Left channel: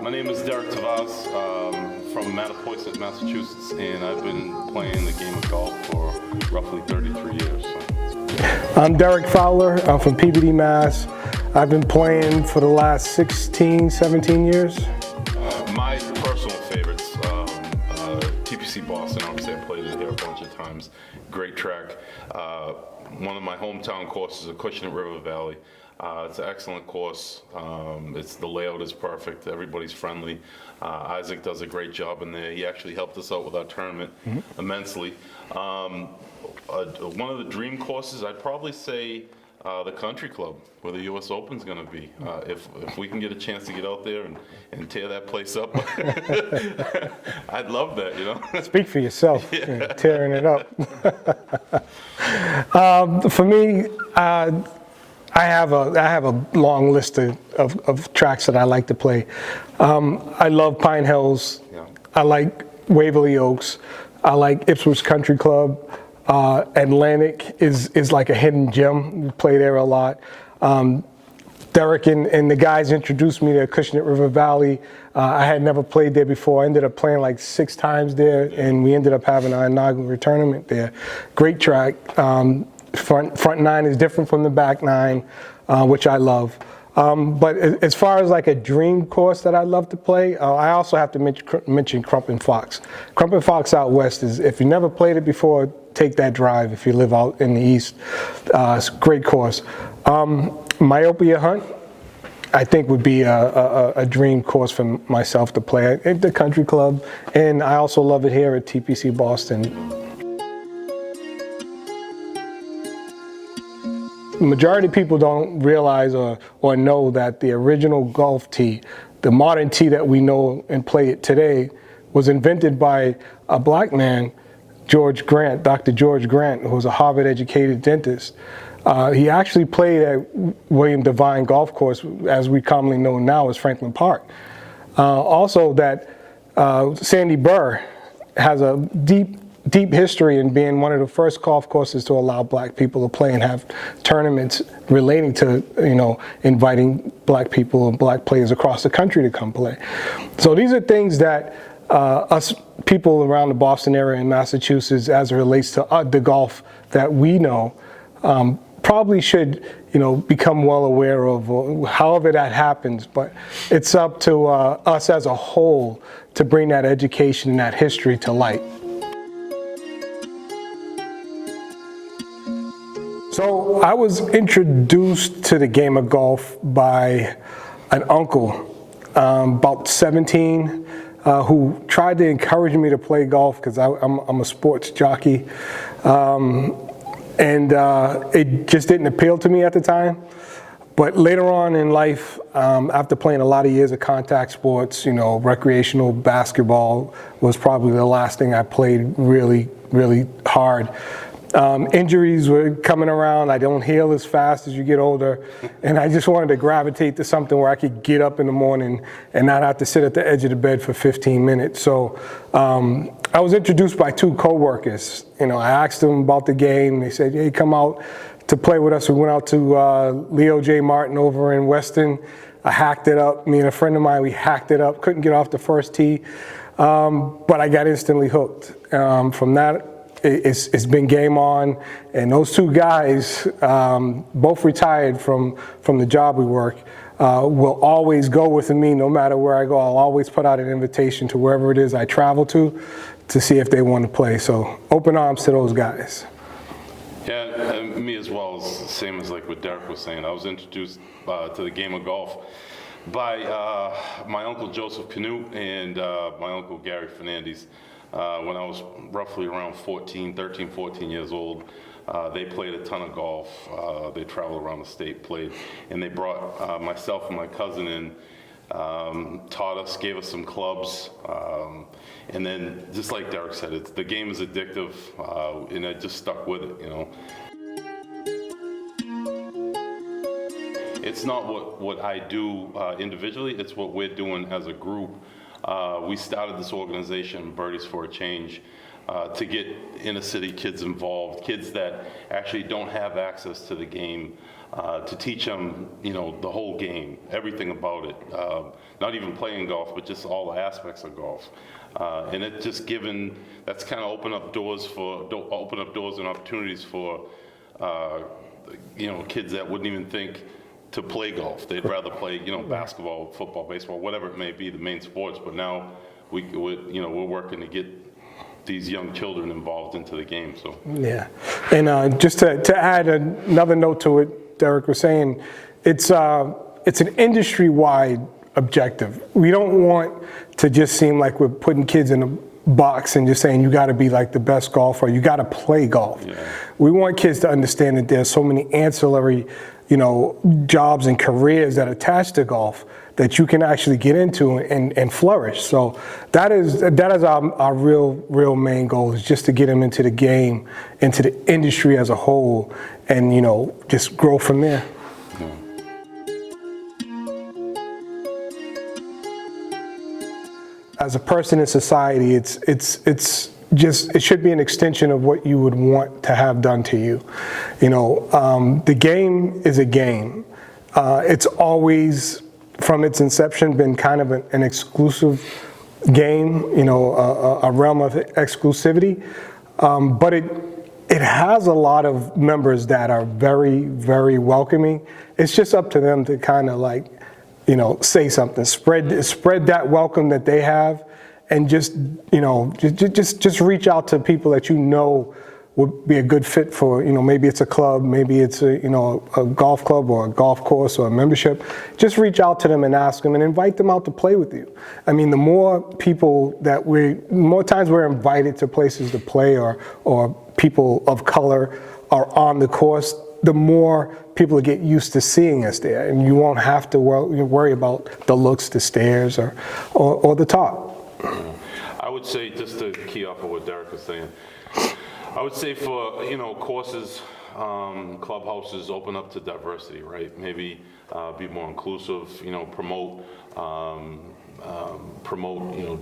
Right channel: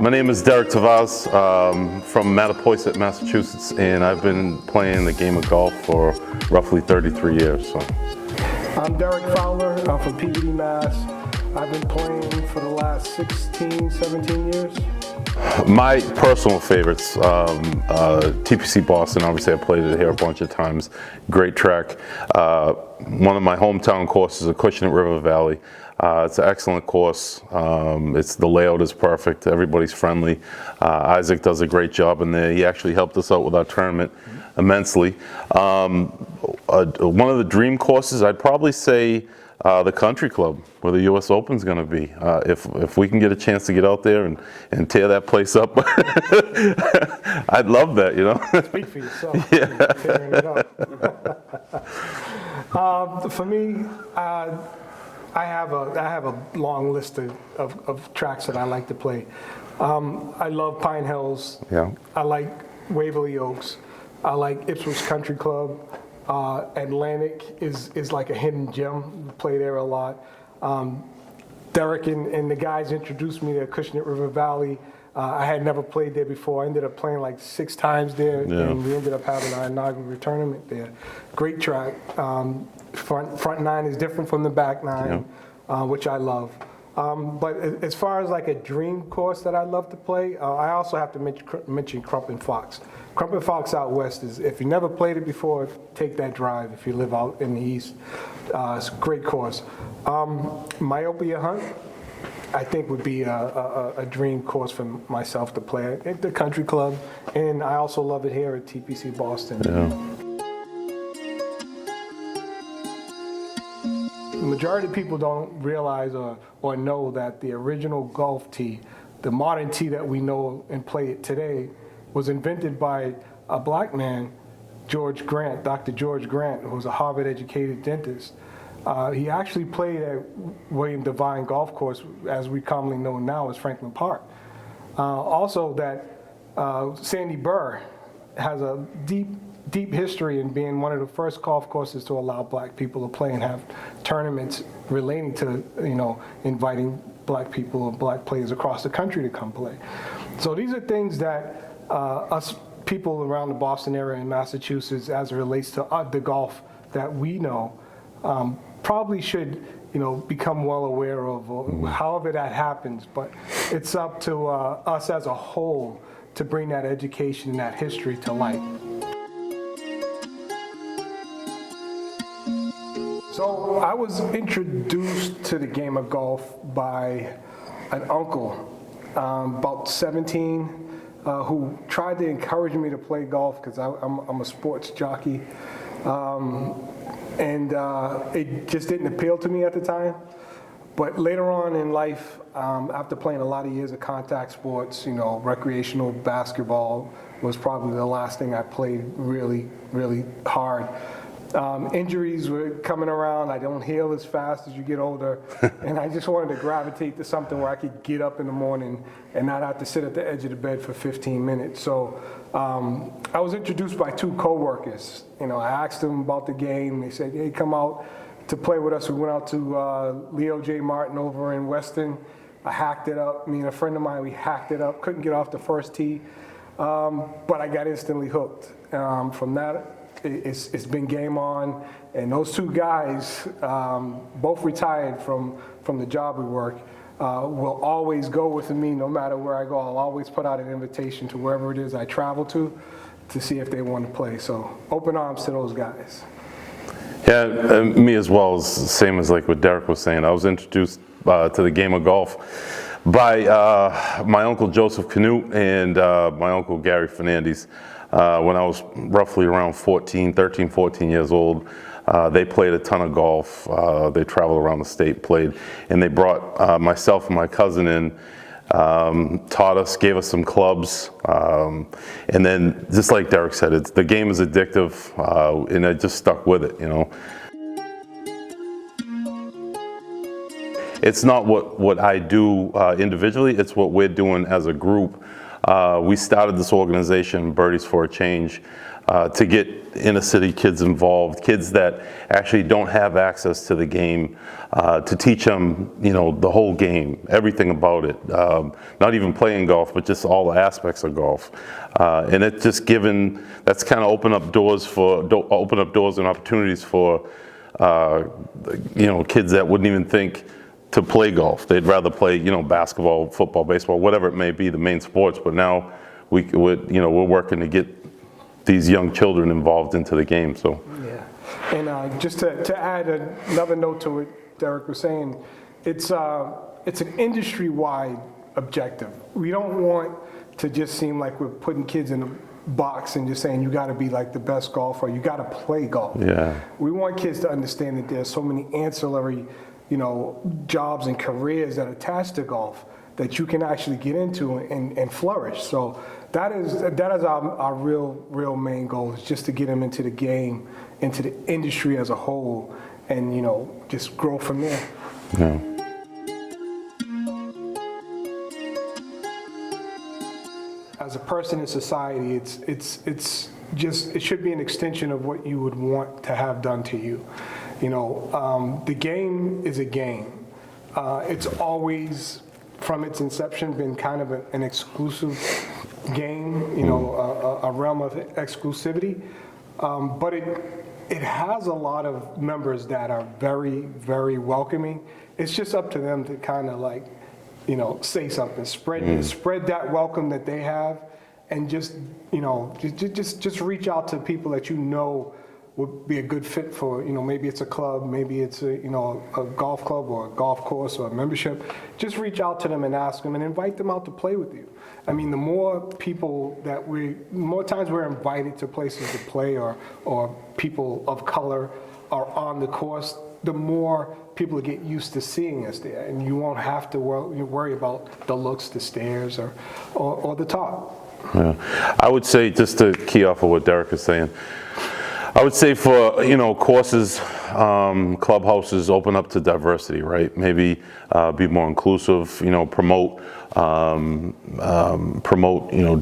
My name is Derek Tavares from Mattapoisett, Massachusetts, and I've been playing the game of golf for roughly 33 years. So. I'm Derek Fowler. I'm from Peabody, Mass. I've been playing for the last 16, 17 years. My personal favorites, TPC Boston. Obviously, I played it here a bunch of times. Great track. One of my hometown courses is Acushnet River Valley. It's an excellent course. The layout is perfect. Everybody's friendly. Isaac does a great job in there. He actually helped us out with our tournament immensely. One of the dream courses, I'd probably say the Country Club, where the U.S. Open's going to be. If we can get a chance to get out there and tear that place up, I'd love that, you know. Speak for yourself, yeah. Tearing it up. For me, I have a long list of tracks that I like to play. I love Pine Hills. Yeah. I like Waverly Oaks. I like Ipswich Country Club. Atlantic is like a hidden gem. We play there a lot. Derek and the guys introduced me to Acushnet River Valley. I had never played there before. I ended up playing like 6 times there, and we ended up having our inaugural tournament there. Great track. Front 9 is different from the back 9, which I love. But as far as like a dream course that I love to play, I also have to mention Crump and Fox. Crump and Fox out west is, if you never played it before, take that drive if you live out in the east. It's a great course. Myopia Hunt, I think would be a dream course for myself to play at the Country Club, and I also love it here at TPC Boston. Yeah. The majority of people don't realize or know that the original golf tee, the modern tee that we know and play it today, was invented by a black man, George Grant, Dr. George Grant, who was a Harvard-educated dentist. He actually played at William Devine Golf Course, as we commonly know now as Franklin Park. Also, that Sandy Burr has a deep history in being one of the first golf courses to allow black people to play and have tournaments relating to, you know, inviting black people and black players across the country to come play. So these are things that us people around the Boston area in Massachusetts, as it relates to the golf that we know, probably should, you know, become well aware of, however that happens. But it's up to us as a whole to bring that education and that history to light. So I was introduced to the game of golf by an uncle, about 17, who tried to encourage me to play golf because I'm a sports jockey. It just didn't appeal to me at the time. But later on in life, after playing a lot of years of contact sports, you know, recreational basketball was probably the last thing I played really, really hard. Injuries were coming around. I don't heal as fast as you get older. And I just wanted to gravitate to something where I could get up in the morning and not have to sit at the edge of the bed for 15 minutes. So I was introduced by 2 coworkers. You know, I asked them about the game. They said, hey, come out to play with us. We went out to Leo J. Martin over in Weston. I hacked it up. Me and a friend of mine, we hacked it up. Couldn't get off the first tee. But I got instantly hooked. From that, it's been game on, and those 2 guys, both retired from the job we work, will always go with me no matter where I go. I'll always put out an invitation to wherever it is I travel to see if they want to play. So open arms to those guys. Yeah, me as well. Is the same as like what Derek was saying. I was introduced to the game of golf by my uncle Joseph Canute and my uncle Gary Fernandez. When I was roughly around 13, 14 years old, they played a ton of golf. They traveled around the state, played, and they brought myself and my cousin in, taught us, gave us some clubs, and then just like Derek said, the game is addictive, and I just stuck with it, you know. It's not what I do individually, it's what we're doing as a group. We started this organization, Birdies for a Change, to get inner city kids involved, kids that actually don't have access to the game, to teach them, the whole game, everything about it. Not even playing golf, but just all the aspects of golf. And it just that's kind of open up doors and opportunities for, kids that wouldn't even think to play golf. They'd rather play, basketball, football, baseball, whatever it may be, the main sports. But now we're working to get these young children involved into the game. So yeah, and just to add another note to what Derek was saying, it's an industry-wide objective. We don't want to just seem like we're putting kids in a box and just saying you got to be like the best golfer, you got to play golf. Yeah. We want kids to understand that there's so many ancillary, jobs and careers that attach to golf that you can actually get into and flourish. So that is our real main goal, is just to get them into the game, into the industry as a whole, and just grow from there. Yeah. As a person in society, it should be an extension of what you would want to have done to you. The game is a game. It's always, from its inception, been kind of an exclusive game, a realm of exclusivity. But it has a lot of members that are very, very welcoming. It's just up to them to kind of say something, spread that welcome that they have, and just reach out to people that would be a good fit for, maybe it's a club, maybe it's a golf club or a golf course or a membership. Just reach out to them and ask them and invite them out to play with you. I mean, the more times we're invited to places to play, or people of color are on the course, the more people get used to seeing us there, and you won't have to worry about the looks, the stares, or the talk. Yeah. I would say, just to key off of what Derek is saying, I would say for courses, clubhouses, open up to diversity, right? Maybe be more inclusive, promote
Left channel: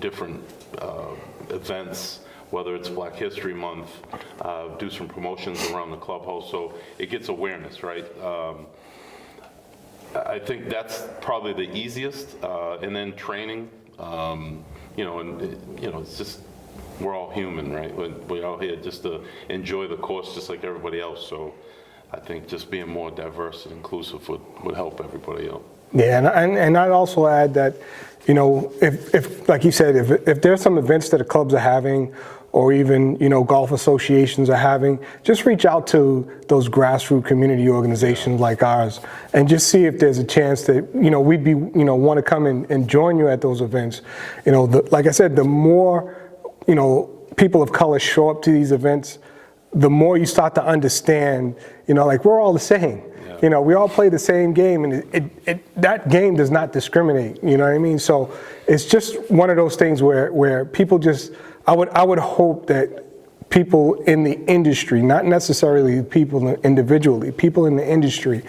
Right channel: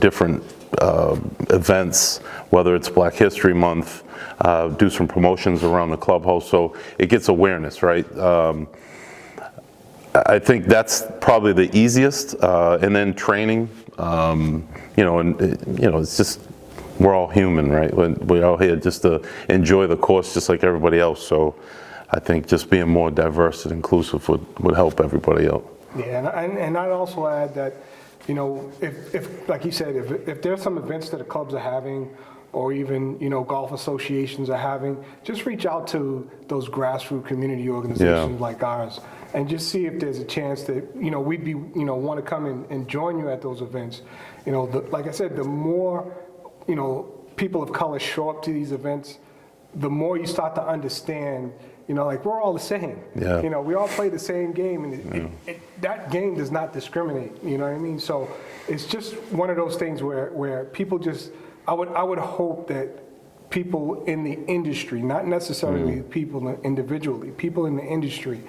different events, whether it's Black History Month, do some promotions around the clubhouse so it gets awareness, right? I think that's probably the easiest, and then training, it's just, we're all human, right? We're all here just to enjoy the course just like everybody else. So I think just being more diverse and inclusive would help everybody out. Yeah, and I'd also add that, if like you said, if there's some events that the clubs are having, or even, golf associations are having, just reach out to those grassroots community organizations like ours, and just see if there's a chance that, we'd be, want to come and join you at those events. Like I said, the more, people of color show up to these events, the more you start to understand, we're all the same. Yeah. We all play the same game, and that game does not discriminate. You know what I mean? So it's just one of those things where people just, I would hope that people in the industry, not necessarily people individually, people in the industry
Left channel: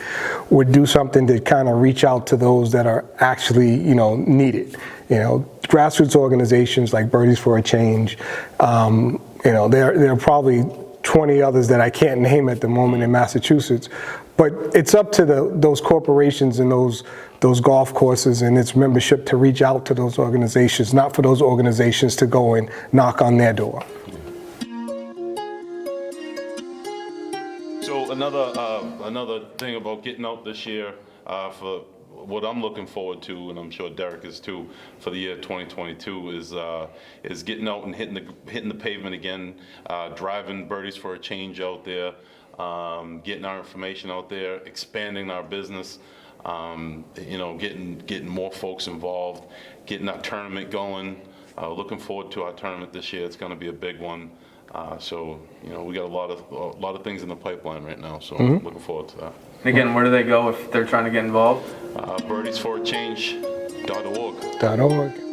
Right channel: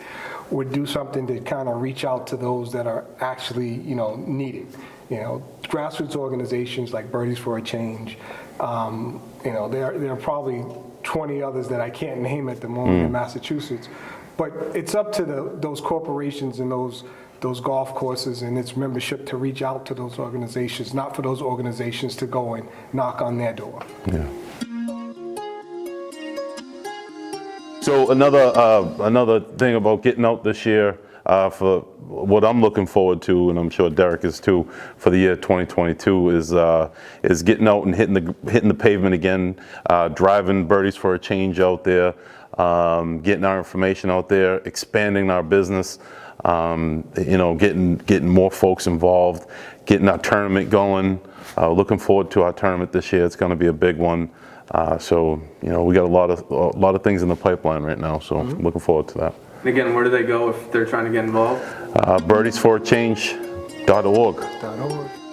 would do something to kind of reach out to those that are actually, needed. Grassroots organizations like Birdies for a Change, there are probably 20 others that I can't name at the moment in Massachusetts, but it's up to those corporations and those golf courses and its membership to reach out to those organizations, not for those organizations to go and knock on their door. Yeah. So another thing about getting out this year, for what I'm looking forward to, and I'm sure Derek is too, for the year 2022, is getting out and hitting the pavement again, driving Birdies for a Change out there, getting our information out there, expanding our business, getting more folks involved, getting our tournament going. Looking forward to our tournament this year. It's going to be a big one. So we got a lot of things in the pipeline right now. So I'm looking forward to that. And again, where do they go if they're trying to get involved? Birdiesforachange.org.